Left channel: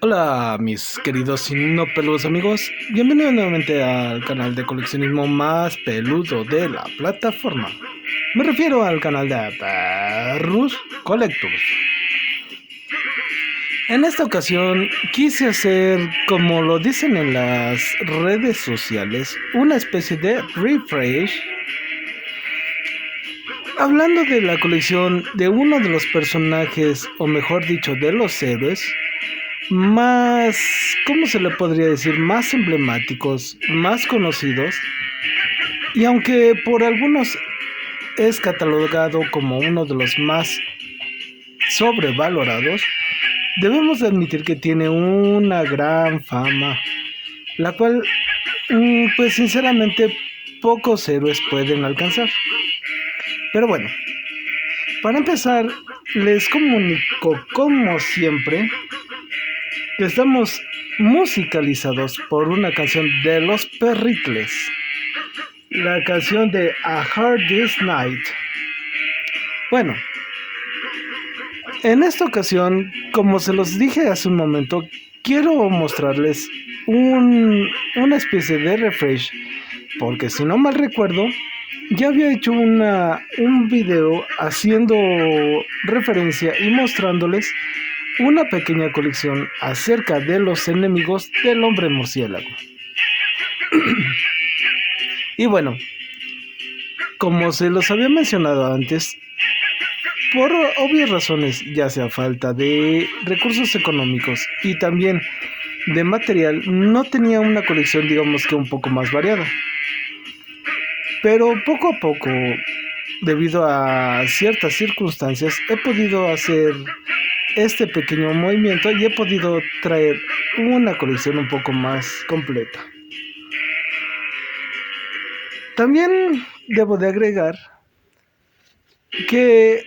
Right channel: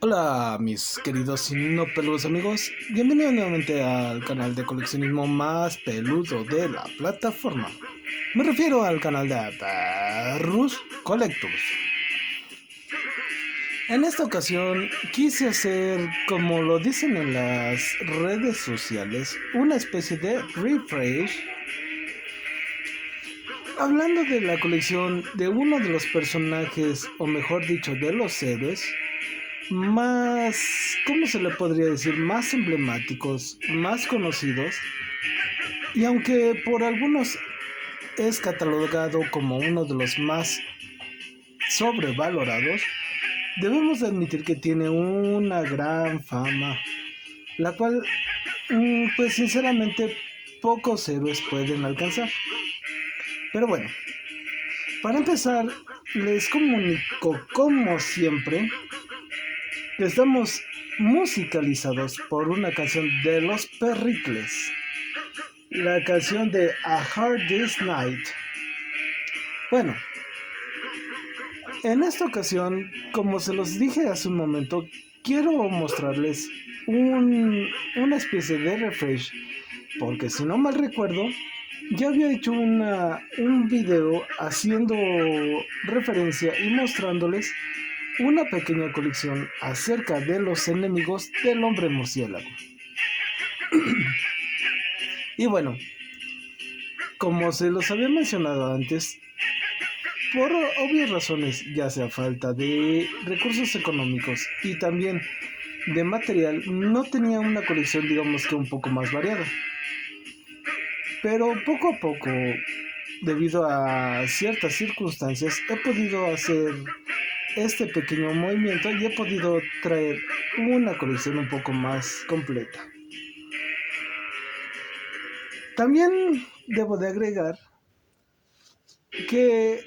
Hola mis queridos y no peludos amigos, bienvenidos nuevamente al canal de coleccionismo más peludo de la plataforma. Me refiero al canal de Perrus Collectors. En esta ocasión quise hacer, como lo dicen en las redes sociales, una especie de refresh, hablando de la colección de uno de los personajes, o mejor dicho, de los héroes más, ¿cómo se le podría decir? Más emblemáticos, más conocidos, y aunque por algunos es catalogado como uno de los más sobrevalorados, debemos admitir que tiene una gran fama, la cual, pues sinceramente, pocos héroes pueden alcanzar. Pero bueno, para empezar, les comunico como siempre que estamos musicalizados por una canción de Los Perricles, la canción de A Hard Day's Night. Bueno, en esta ocasión, como se los dije hace un momento, quiero mostrarles una especie de refresh, porque si no mal recuerdo, ya había hecho un video haciendo referencia y mostrándoles una pequeña colección acerca de los enemigos del hombre murciélago. Y bueno, como se los había mencionado antes, por obvias razones, ya sea falta de recursos económicos y también de material, no tenía una colección, digamos que un poco más variada. Pero poco a poco, debido a ciertas circunstancias, he podido hacer este pequeño movimiento y he podido traer una colección un poco más completa. También debo de agregar que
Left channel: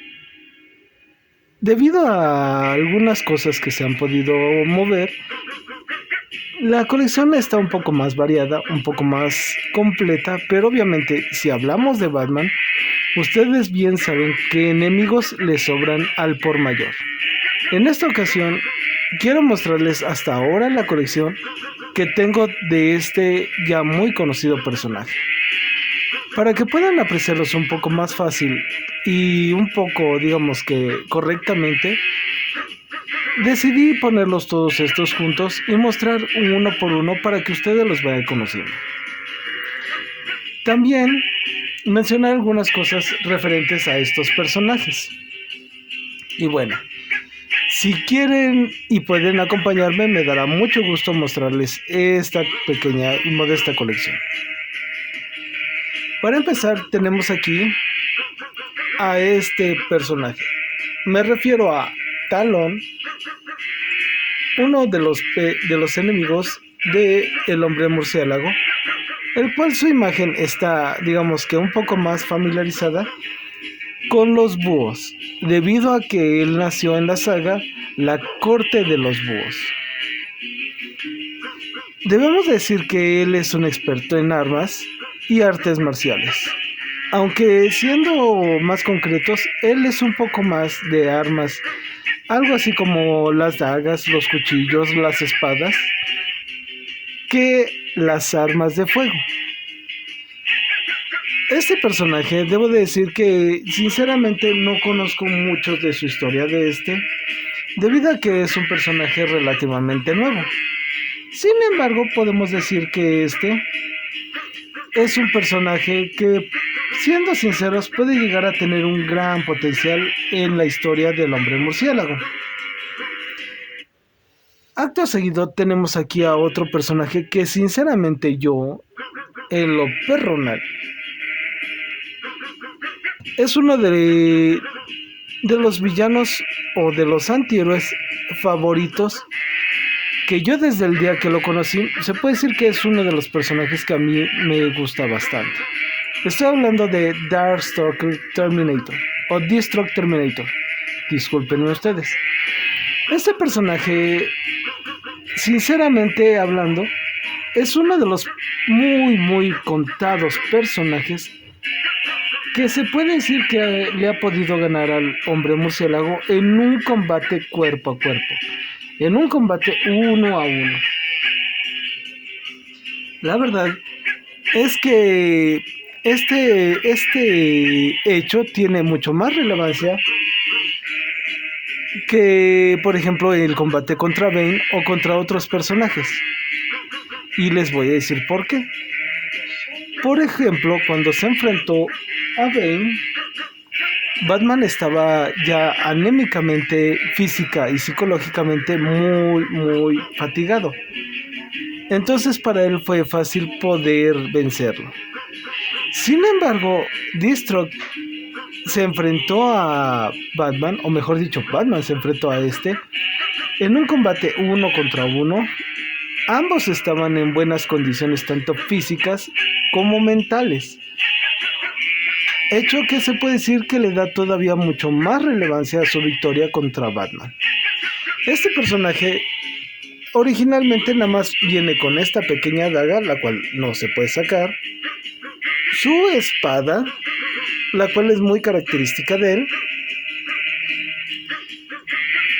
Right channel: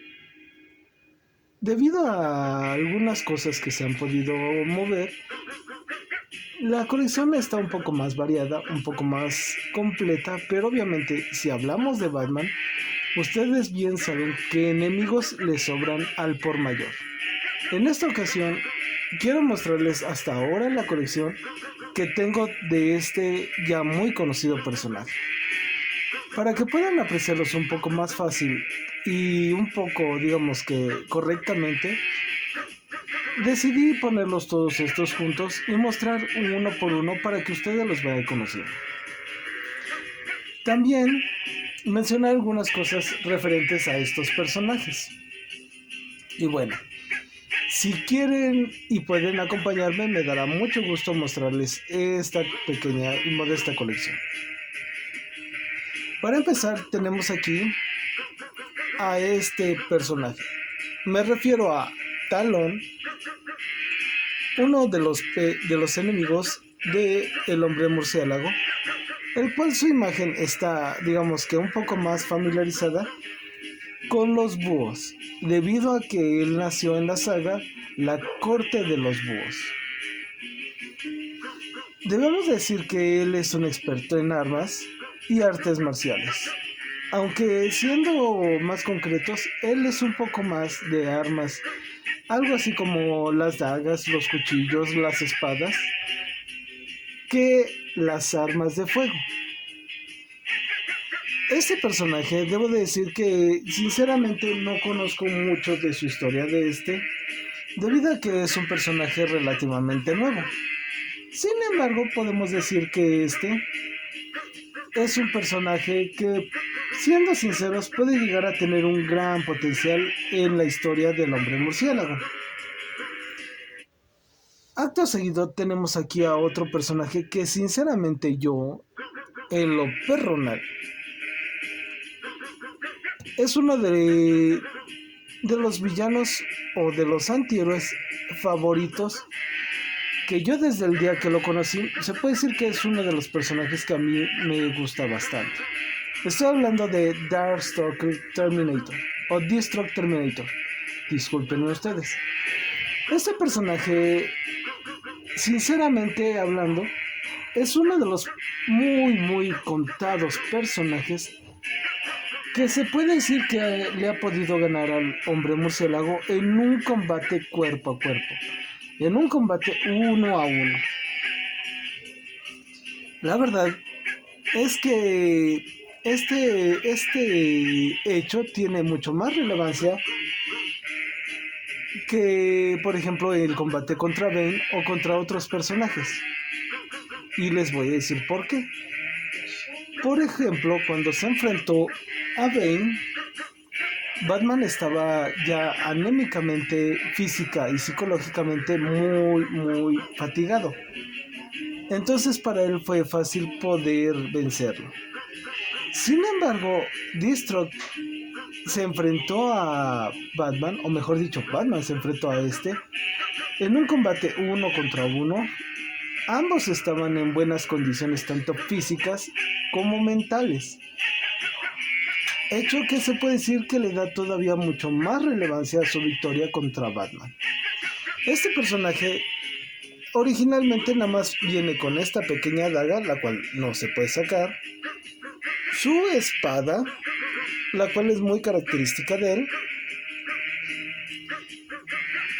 debido a algunas cosas que se han podido mover, la colección está un poco más variada, un poco más completa, pero obviamente si hablamos de Batman, ustedes bien saben que enemigos le sobran al por mayor. En esta ocasión quiero mostrarles hasta ahora la colección que tengo de este ya muy conocido personaje, para que puedan apreciarlos un poco más fácil y un poco, digamos que correctamente. Decidí ponerlos todos estos juntos y mostrar uno por uno para que ustedes los vayan conociendo. También mencionar algunas cosas referentes a estos personajes. Y bueno, si quieren y pueden acompañarme, me dará mucho gusto mostrarles esta pequeña y modesta colección. Para empezar, tenemos aquí a este personaje. Me refiero a Talon, uno de los enemigos de el hombre murciélago, el cual su imagen está, digamos que un poco más familiarizada con los búhos, debido a que él nació en la saga La Corte de los Búhos. Debemos decir que él es un experto en armas y artes marciales. Aunque siendo más concretos, él es un poco más de armas, algo así como las dagas, los cuchillos, las espadas, que las armas de fuego. Este personaje, debo de decir que sinceramente no conozco mucho de su historia debido a que es un personaje relativamente nuevo. Sin embargo, podemos decir que este es un personaje que, siendo sinceros, puede llegar a tener un gran potencial en la historia del hombre murciélago. Acto seguido tenemos aquí a otro personaje que sinceramente yo, en lo personal, es uno de los villanos o de los antihéroes favoritos que yo desde el día que lo conocí, se puede decir que es uno de los personajes que a mí me gusta bastante. Estoy hablando de Darkstalker Terminator o Deathstroke Terminator. Discúlpenme ustedes. Este personaje, sinceramente hablando, es uno de los muy contados personajes que se puede decir que le ha podido ganar al hombre murciélago en un combate cuerpo a cuerpo. en un combate 1-1. La verdad es que este hecho tiene mucho más relevancia que, por ejemplo, el combate contra Bane o contra otros personajes. Y les voy a decir por qué. Por ejemplo, cuando se enfrentó a Bane, Batman estaba ya anémicamente, física y psicológicamente muy fatigado. Entonces para él fue fácil poder vencerlo. Sin embargo, Deathstroke se enfrentó a Batman, o mejor dicho, Batman se enfrentó a en un combate 1-1. Ambos estaban en buenas condiciones, tanto físicas como mentales. Hecho que se puede decir que le da todavía mucho más relevancia a su victoria contra Batman. Este personaje originalmente nada más viene con esta pequeña daga, la cual no se puede sacar, su espada, la cual es muy característica de él,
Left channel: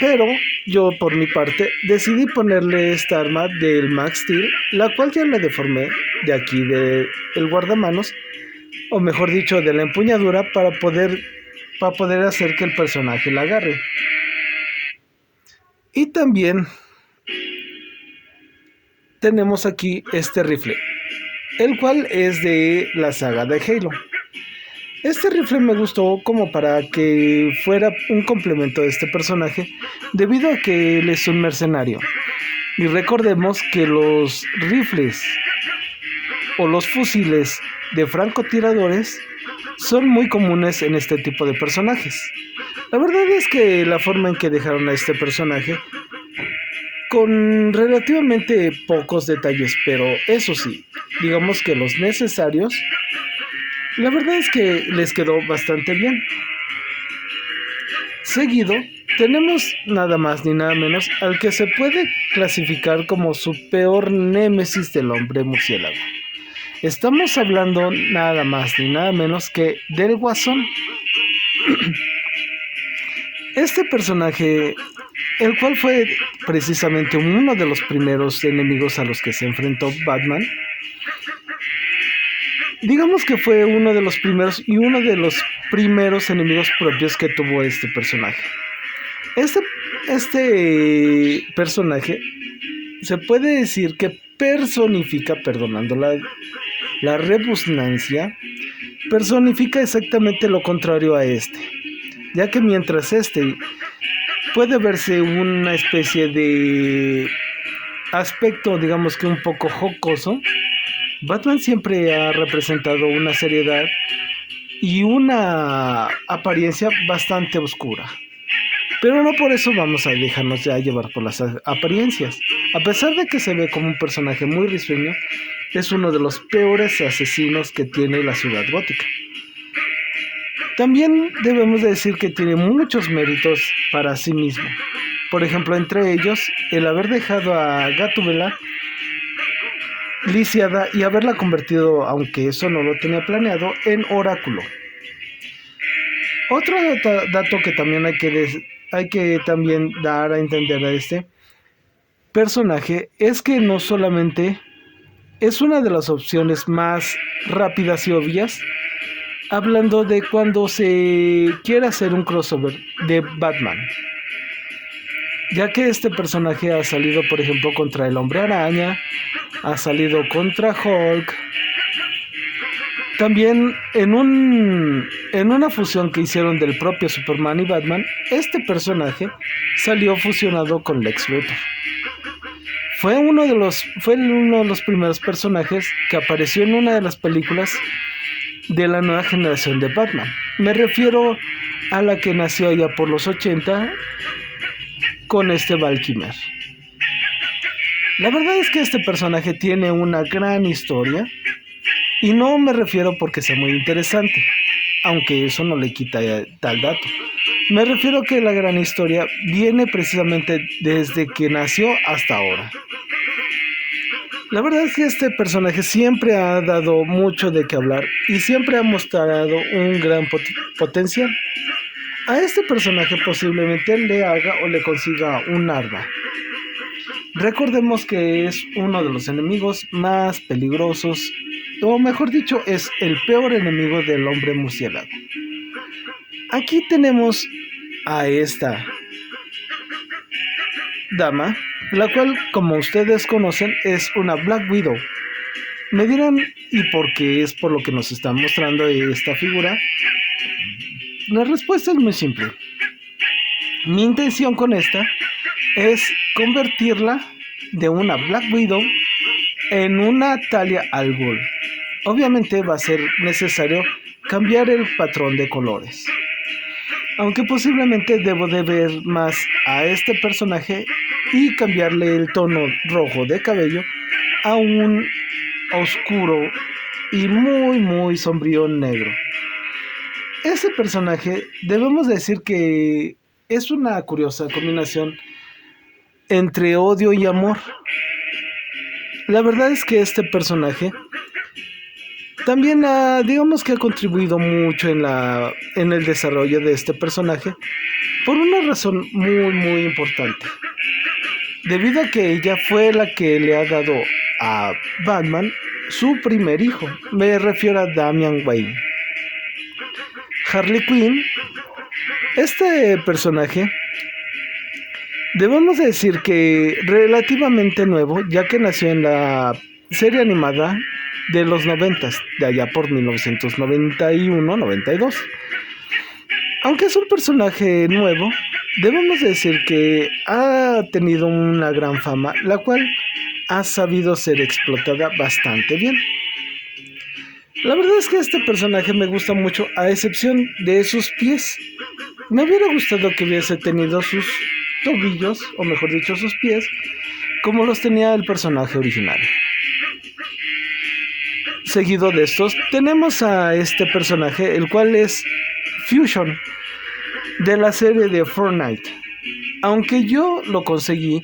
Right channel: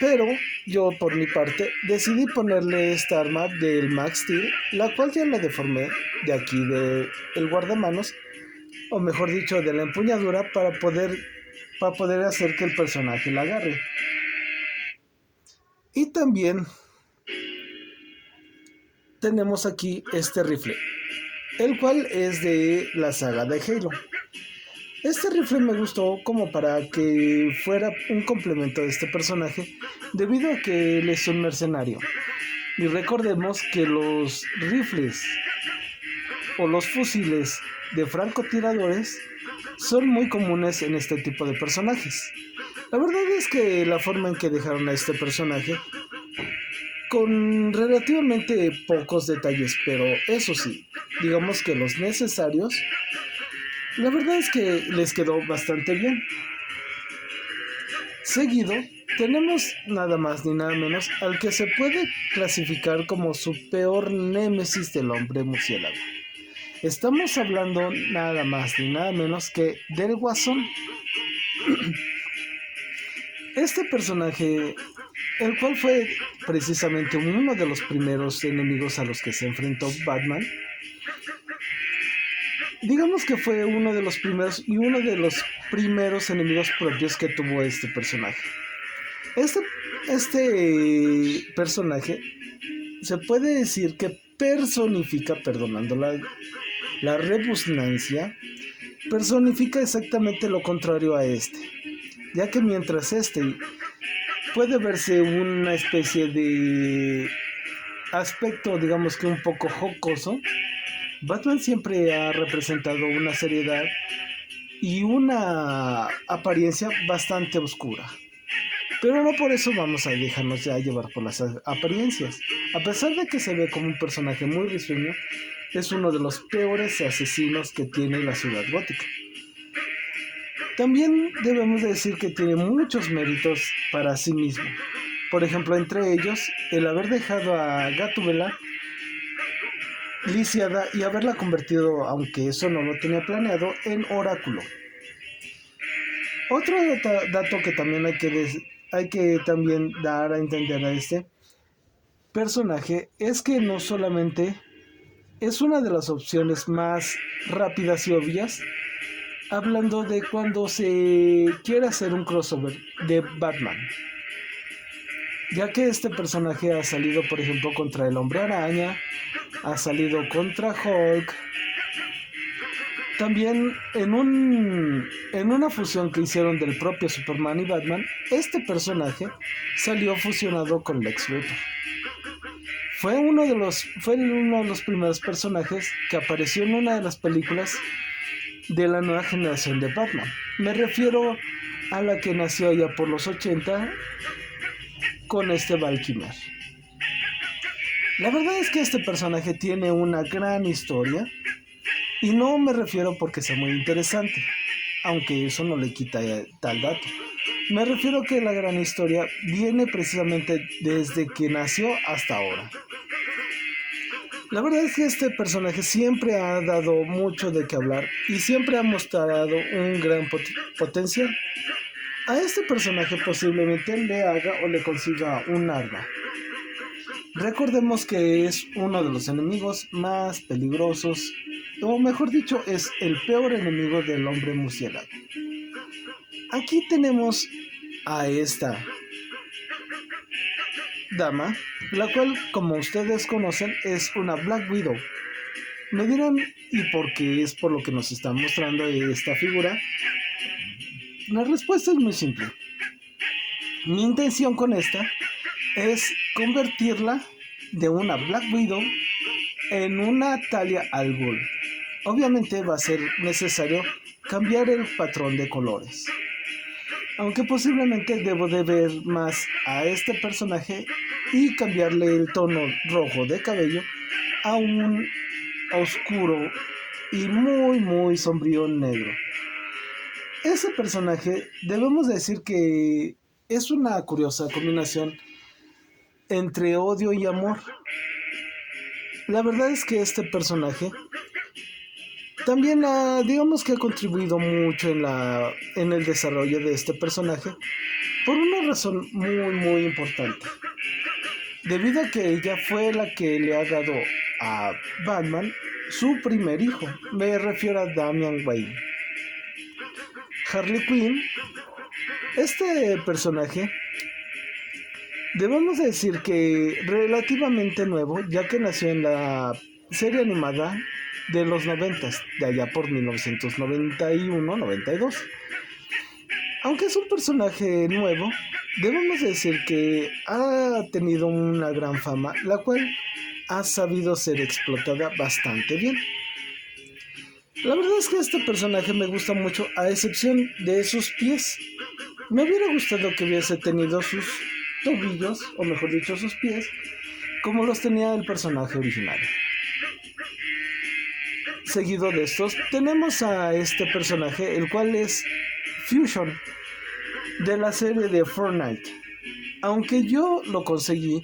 pero yo por mi parte decidí ponerle esta arma del Max Steel, la cual ya le deformé de aquí del guardamanos, o mejor dicho de la empuñadura, para poder hacer que el personaje la agarre. Y también tenemos aquí este rifle, el cual es de la saga de Halo. Este rifle me gustó como para que fuera un complemento de este personaje, debido a que él es un mercenario. Y recordemos que los rifles o los fusiles de francotiradores son muy comunes en este tipo de personajes. La verdad es que la forma en que dejaron a este personaje, con relativamente pocos detalles, pero eso sí, digamos que los necesarios, la verdad es que les quedó bastante bien. Seguido, tenemos nada más ni nada menos al que se puede clasificar como su peor némesis del hombre murciélago. Estamos hablando nada más ni nada menos que del Guasón. Este personaje, el cual fue precisamente uno de los primeros enemigos a los que se enfrentó Batman, digamos que fue uno de los primeros y uno de los primeros enemigos propios que tuvo este personaje. Este personaje se puede decir que personifica, perdonando la rebusnancia, personifica exactamente lo contrario a ya que mientras puede verse una especie de aspecto, digamos que un poco jocoso, Batman siempre ha representado una seriedad y una apariencia bastante oscura. Pero no por eso vamos a dejarnos ya llevar por las apariencias. A pesar de que se ve como un personaje muy risueño, es uno de los peores asesinos que tiene la ciudad gótica. También debemos decir que tiene muchos méritos para sí mismo. Por ejemplo, entre ellos, el haber dejado a Gatúbela lisiada y haberla convertido, aunque eso no lo tenía planeado, en oráculo. Otro dato que también hay que también dar a entender a este personaje es que no solamente es una de las opciones más rápidas y obvias, hablando de cuando se quiere hacer un crossover de Batman, ya que este personaje ha salido, por ejemplo, contra el Hombre Araña, ha salido contra Hulk. También en una fusión que hicieron del propio Superman y Batman, este personaje salió fusionado con Lex Luthor. Fue uno de los primeros personajes que apareció en una de las películas de la nueva generación de Batman. Me refiero a la que nació allá por los 80 con Val Kilmer. La verdad es que este personaje tiene una gran historia, y no me refiero porque sea muy interesante, aunque eso no le quita tal dato. Me refiero que la gran historia viene precisamente desde que nació hasta ahora. La verdad es que este personaje siempre ha dado mucho de qué hablar y siempre ha mostrado un gran potencial. A este personaje posiblemente le haga o le consiga un arma, Recordemos que es uno de los enemigos más peligrosos, o mejor dicho, es el peor enemigo del hombre murciélago. Aquí tenemos a esta dama, la cual, como ustedes conocen, es una Black Widow. Me dirán, ¿y por qué es por lo que nos está mostrando esta figura? La respuesta es muy simple. Mi intención con esta es convertirla de una Black Widow en una Talia al Ghul. Obviamente va a ser necesario cambiar el patrón de colores. Aunque posiblemente debo de ver más a este personaje y cambiarle el tono rojo de cabello a un oscuro y muy sombrío negro. Ese personaje debemos decir que es una curiosa combinación entre odio y amor. La verdad es que este personaje también digamos que ha contribuido mucho en el desarrollo de este personaje por una razón muy importante. Debido a que ella fue la que le ha dado a Batman su primer hijo. Me refiero a Damian Wayne. Harley Quinn, este personaje, debemos decir que relativamente nuevo, ya que nació en la serie animada de los 90, de allá por 1991-92. Aunque es un personaje nuevo, debemos decir que ha tenido una gran fama, la cual ha sabido ser explotada bastante bien. La verdad es que este personaje me gusta mucho, a excepción de sus pies. Me hubiera gustado que hubiese tenido sus tobillos, o mejor dicho, sus pies, como los tenía el personaje original. Seguido de estos, tenemos a este personaje, el cual es Fusion, de la serie de Fortnite. Aunque yo lo conseguí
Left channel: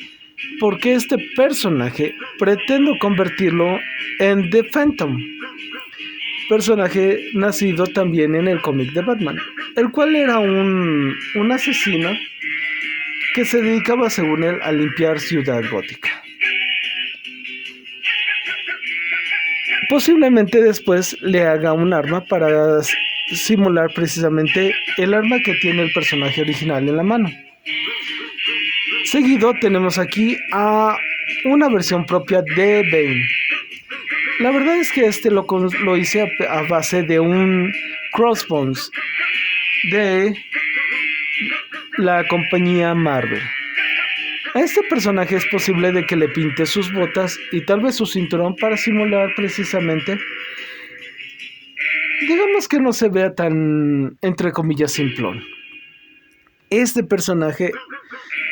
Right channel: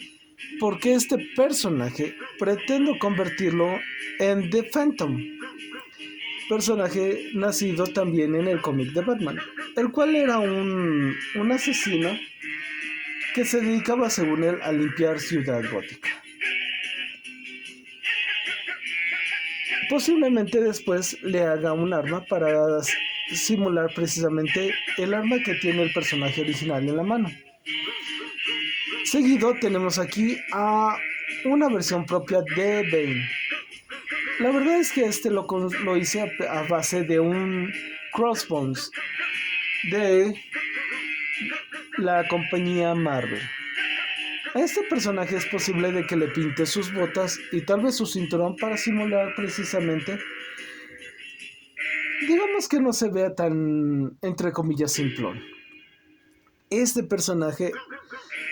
porque este personaje pretendo convertirlo en The Phantom, personaje nacido también en el cómic de Batman, el cual era un asesino que se dedicaba, según él, a limpiar Ciudad Gótica. Posiblemente después le haga un arma para simular precisamente el arma que tiene el personaje original en la mano. Seguido tenemos aquí a una versión propia de Bane. La verdad es que este lo hice a base de un Crossbones de la compañía Marvel. A este personaje es posible de que le pinte sus botas y tal vez su cinturón para simular precisamente, digamos que no se vea tan, entre comillas, simplón. Este personaje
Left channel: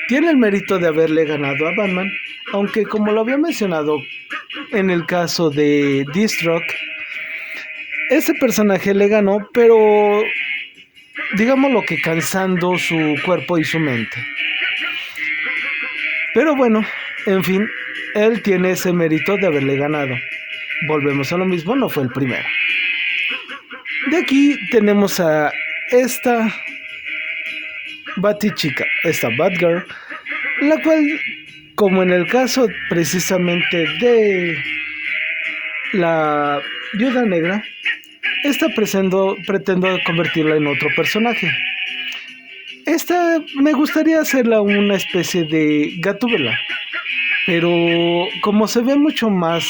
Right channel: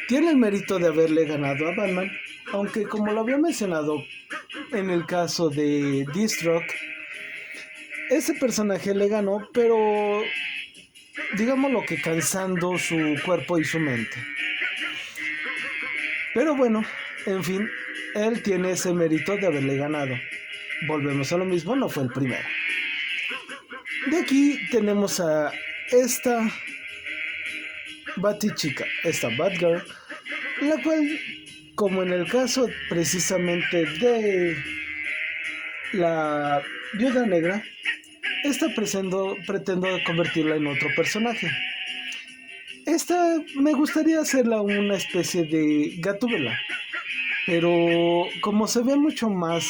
tiene el mérito de haberle ganado a Batman, aunque como lo había mencionado en el caso de Deathstroke, ese personaje le ganó, pero digámoslo que cansando su cuerpo y su mente. Pero bueno, en fin, él tiene ese mérito de haberle ganado. Volvemos a lo mismo, no fue el primero. De aquí tenemos a esta Batichica, esta Batgirl, la cual, como en el caso precisamente de la Viuda Negra, esta pretendo convertirla en otro personaje. Esta me gustaría hacerla una especie de Gatúbela, pero como se ve mucho más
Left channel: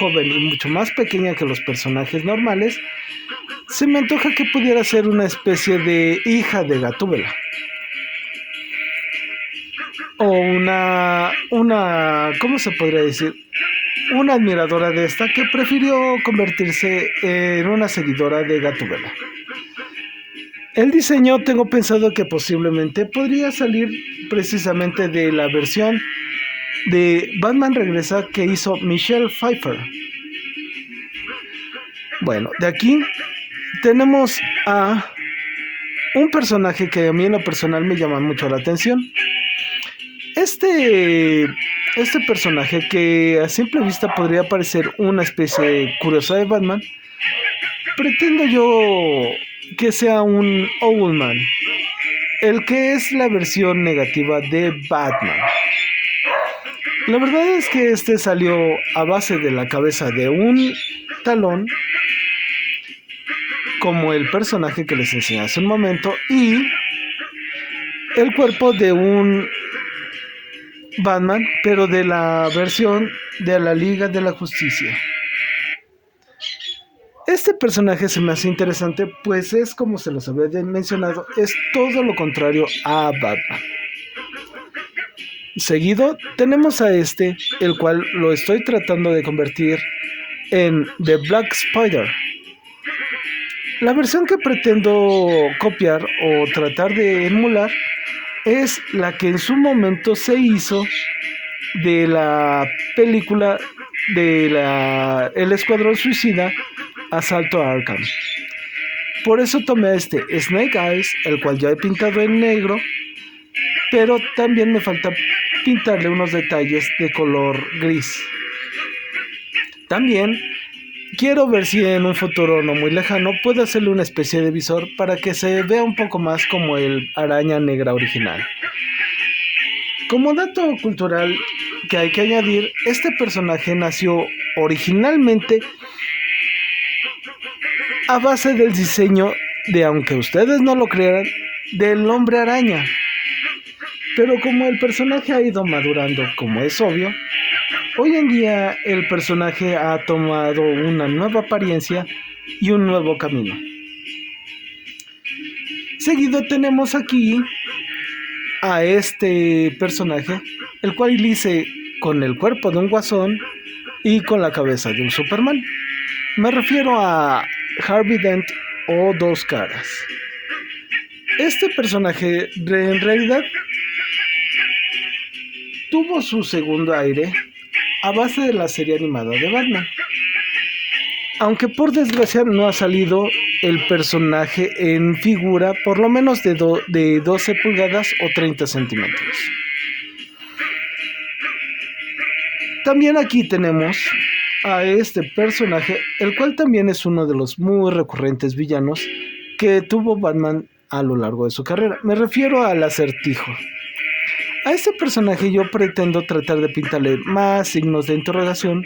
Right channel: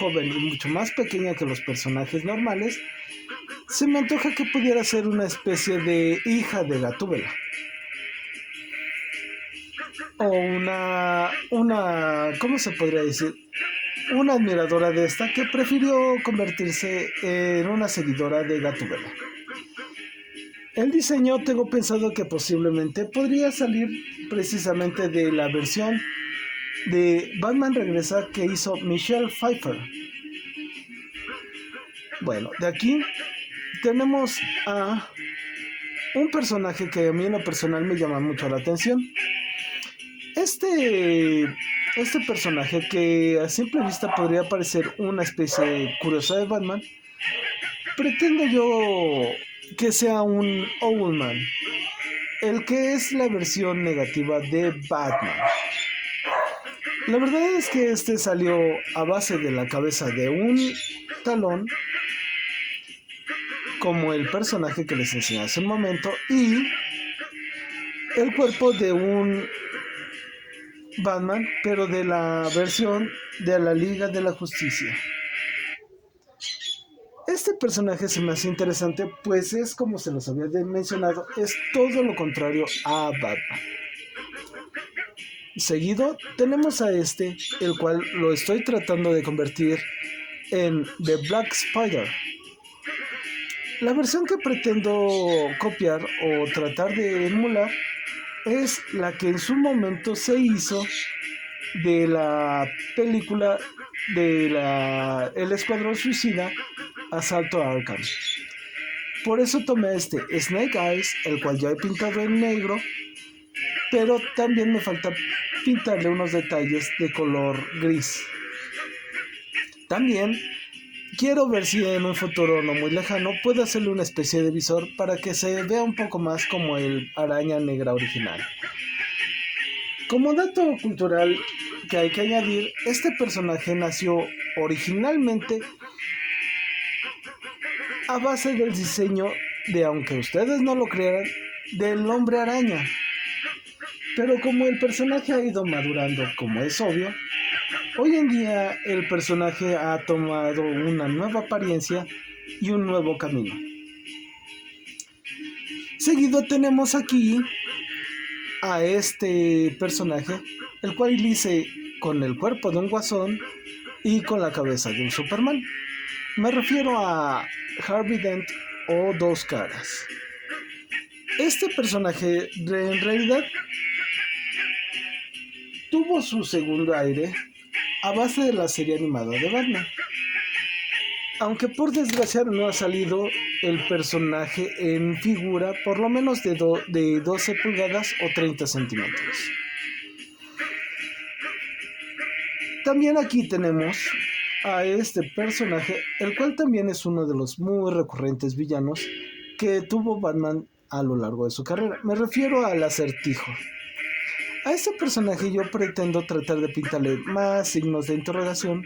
joven y mucho más pequeña que los personajes normales, se me antoja que pudiera ser una especie de hija de Gatúbela. O una, ¿cómo se podría decir? Una admiradora de esta que prefirió convertirse en una seguidora de Gatúbela. El diseño tengo pensado que posiblemente podría salir precisamente de la versión de Batman Regresa que hizo Michelle Pfeiffer. Bueno, de aquí tenemos a un personaje que a mí en lo personal me llama mucho la atención. Este personaje que a simple vista podría parecer una especie curiosa de Batman, pretendo yo que sea un Owlman, el que es la versión negativa de Batman. La verdad es que este salió a base de la cabeza de un talón, como el personaje que les enseñé hace un momento, y el cuerpo de un Batman, pero de la versión de la Liga de la Justicia. Este personaje se me hace interesante, pues es, como se los había mencionado, es todo lo contrario a Batman. Seguido tenemos a este, el cual lo estoy tratando de convertir en The Black Spider. La versión que pretendo copiar o tratar de emular es la que en su momento se hizo de la película de El Escuadrón Suicida, Asalto a Arkham. Por eso tomé a este Snake Eyes, el cual ya he pintado en negro, pero también me falta pintarle unos detalles de color gris. También quiero ver si en un futuro no muy lejano puedo hacerle una especie de visor para que se vea un poco más como el Araña Negra original. Como dato cultural que hay que añadir, este personaje nació originalmente a base del diseño de, aunque ustedes no lo crean, del Hombre Araña. Pero como el personaje ha ido madurando, como es obvio, hoy en día el personaje ha tomado una nueva apariencia y un nuevo camino. Seguido tenemos aquí a este personaje, el cual hice con el cuerpo de un guasón y con la cabeza de un Superman. Me refiero a Harvey Dent o Dos Caras. Este personaje en realidad tuvo su segundo aire a base de la serie animada de Batman. Aunque por desgracia no ha salido el personaje en figura, por lo menos de 12 pulgadas o 30 centímetros. También aquí tenemos a este personaje, el cual también es uno de los muy recurrentes villanos que tuvo Batman a lo largo de su carrera. Me refiero al Acertijo. A este personaje yo pretendo tratar de pintarle más signos de interrogación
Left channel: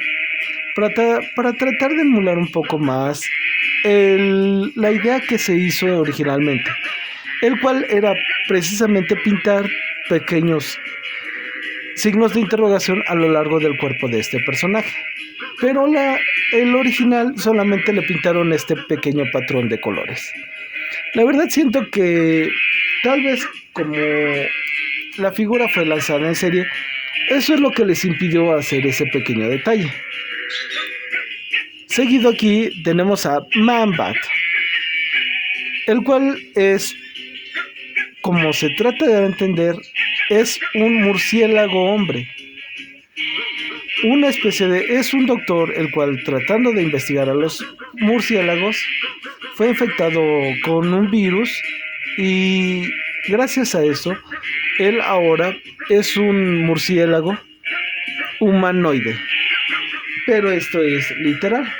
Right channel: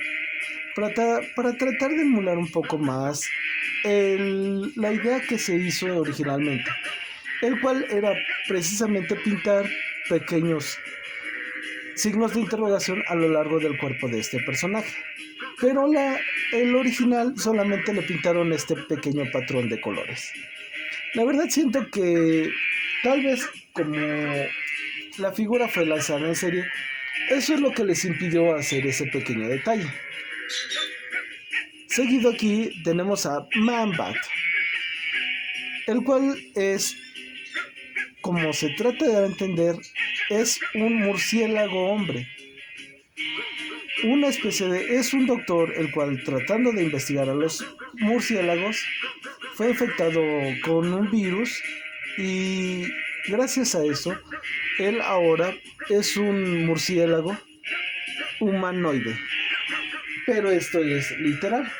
para tratar de emular un poco más la idea que se hizo originalmente, el cual era precisamente pintar pequeños signos de interrogación a lo largo del cuerpo de este personaje. Pero el original solamente le pintaron este pequeño patrón de colores. La verdad siento que tal vez como la figura fue lanzada en serie, eso es lo que les impidió hacer ese pequeño detalle. Seguido aquí tenemos a Man-Bat, el cual es, como se trata de entender, es un murciélago hombre. Una especie de... es un doctor el cual, tratando de investigar a los murciélagos, fue infectado con un virus y gracias a eso él ahora es un murciélago humanoide, pero esto es literal.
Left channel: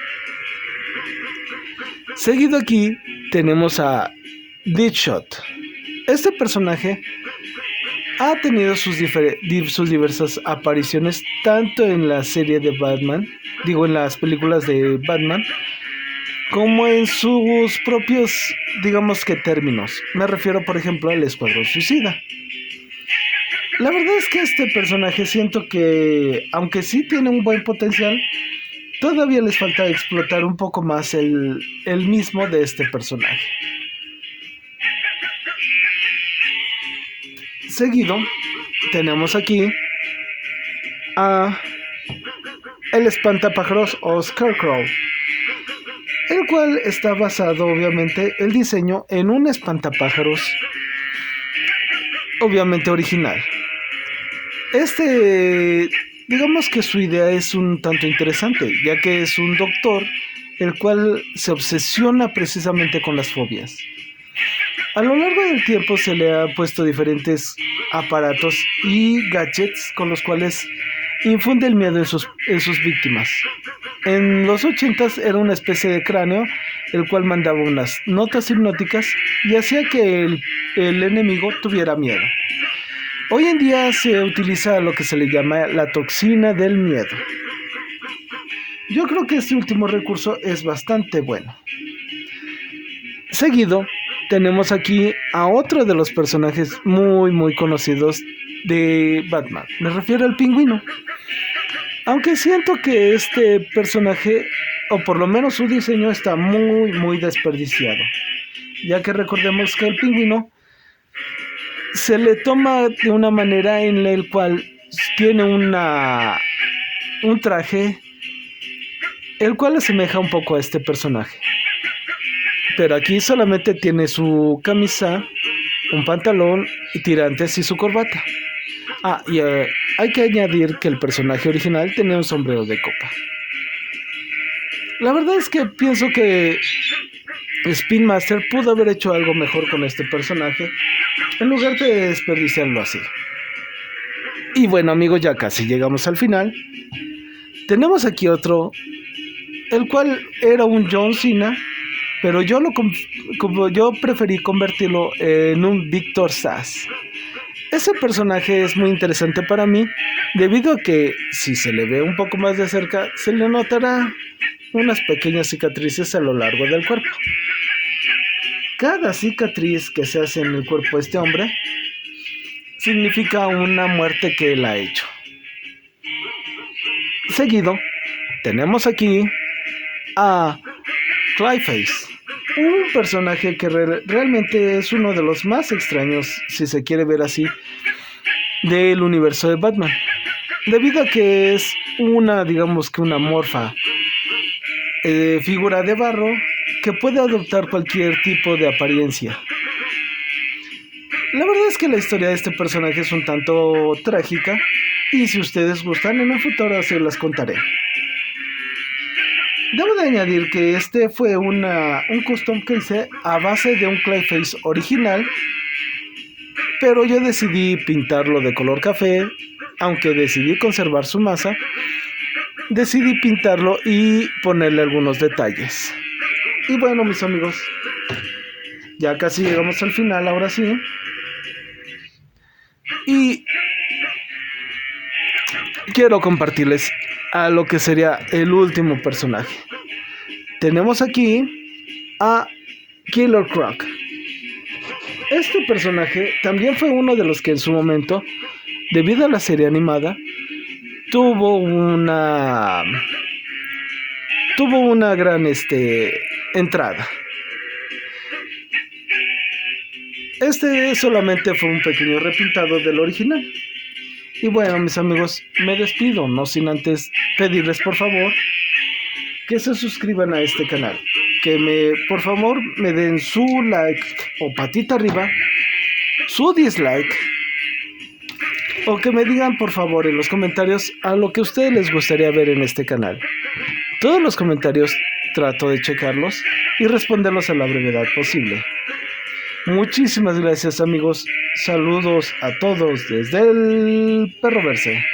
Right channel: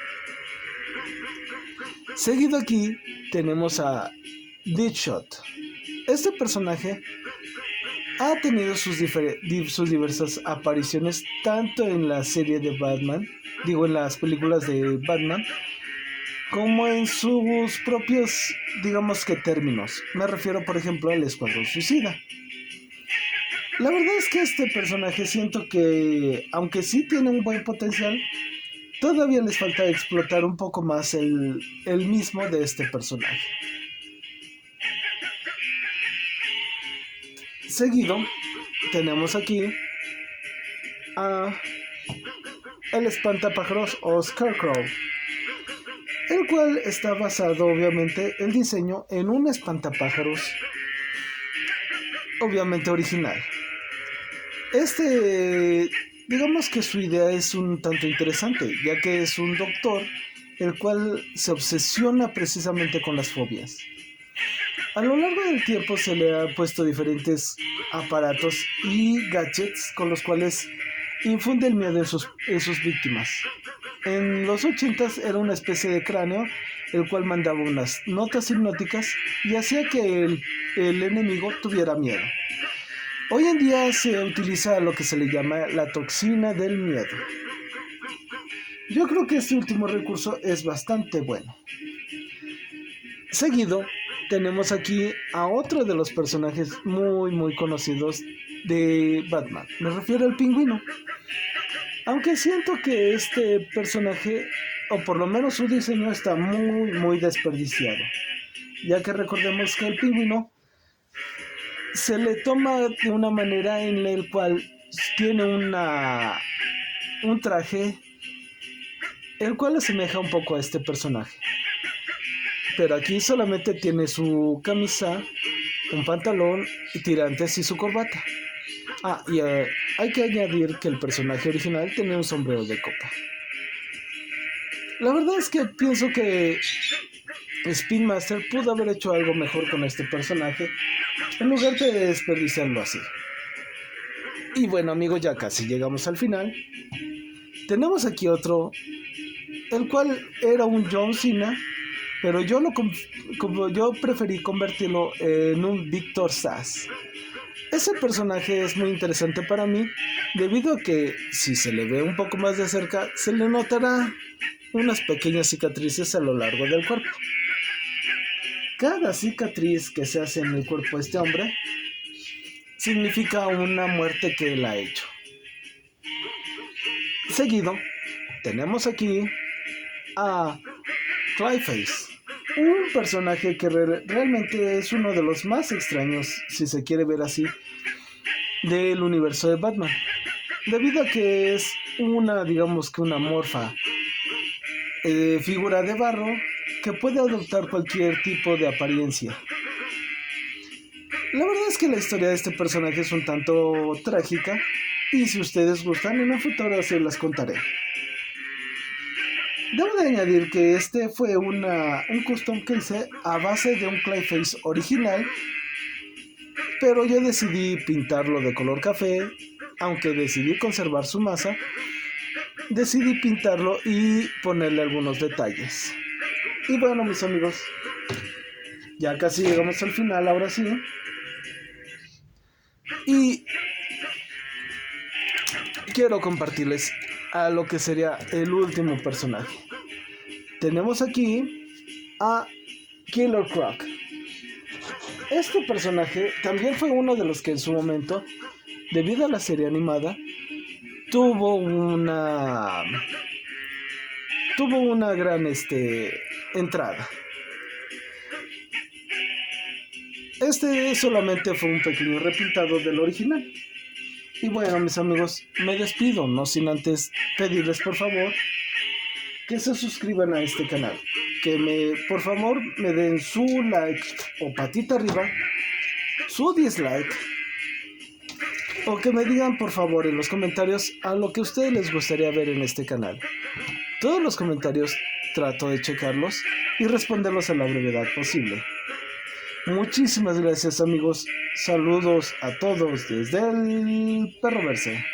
Seguido aquí tenemos a Deadshot. Este personaje ha tenido sus diversas apariciones tanto en la serie de Batman, en las películas de Batman, como en sus propios, digamos que términos. Me refiero, por ejemplo, al Escuadrón Suicida. La verdad es que este personaje siento que, aunque sí tiene un buen potencial, todavía les falta explotar un poco más el mismo de este personaje. Seguido tenemos aquí a el espantapájaros o Scarecrow, el cual está basado obviamente el diseño en un espantapájaros obviamente original. Digamos que su idea es un tanto interesante, ya que es un doctor el cual se obsesiona precisamente con las fobias. A lo largo del tiempo se le han puesto diferentes aparatos y gadgets con los cuales infunde el miedo en sus víctimas. En los 80s era una especie de cráneo el cual mandaba unas notas hipnóticas y hacía que el enemigo tuviera miedo. Hoy en día se utiliza lo que se le llama la toxina del miedo. Yo creo que este último recurso es bastante bueno. Seguido, tenemos aquí a otro de los personajes muy conocidos de Batman. Me refiero al Pingüino. Aunque siento que este personaje, o por lo menos su diseño, está muy desperdiciado. Ya que recordemos que el Pingüino se le toma de una manera en la cual tiene un traje el cual asemeja un poco a este personaje. Pero aquí solamente tiene su camisa, un pantalón y tirantes y su corbata. Y hay que añadir que el personaje original tenía un sombrero de copa. La verdad es que pienso que Spin Master pudo haber hecho algo mejor con este personaje en lugar de desperdiciarlo así. Y bueno, amigos, ya casi llegamos al final. Tenemos aquí otro, el cual era un John Cena, pero yo preferí convertirlo en un Victor Sass. Ese personaje es muy interesante para mí, debido a que si se le ve un poco más de cerca, se le notará unas pequeñas cicatrices a lo largo del cuerpo. Cada cicatriz que se hace en el cuerpo de este hombre significa una muerte que él ha hecho. Seguido, tenemos aquí a Clayface, un personaje que realmente es uno de los más extraños, si se quiere ver así, del universo de Batman, debido a que es digamos que una morfa figura de barro que puede adoptar cualquier tipo de apariencia. La verdad es que la historia de este personaje es un tanto trágica, y si ustedes gustan, en un futuro se las contaré. Debo de añadir que este fue un custom que hice a base de un Clayface original, pero yo decidí pintarlo de color café. Aunque decidí conservar su masa, decidí pintarlo y ponerle algunos detalles. Y bueno, mis amigos, ya casi llegamos al final, ahora sí. Y quiero compartirles a lo que sería el último personaje. Tenemos aquí a Killer Croc. Este personaje también fue uno de los que en su momento, debido a la serie animada, tuvo una gran entrada. Este solamente fue un pequeño repintado del original. Y bueno, mis amigos, me despido, no sin antes pedirles por favor que se suscriban a este canal, que por favor me den su like o patita arriba, su dislike, o que me digan por favor en los comentarios a lo que a ustedes les gustaría ver en este canal. Todos los comentarios trato de checarlos y responderlos a la brevedad posible. Muchísimas gracias, amigos. Saludos a todos desde el Perroverse.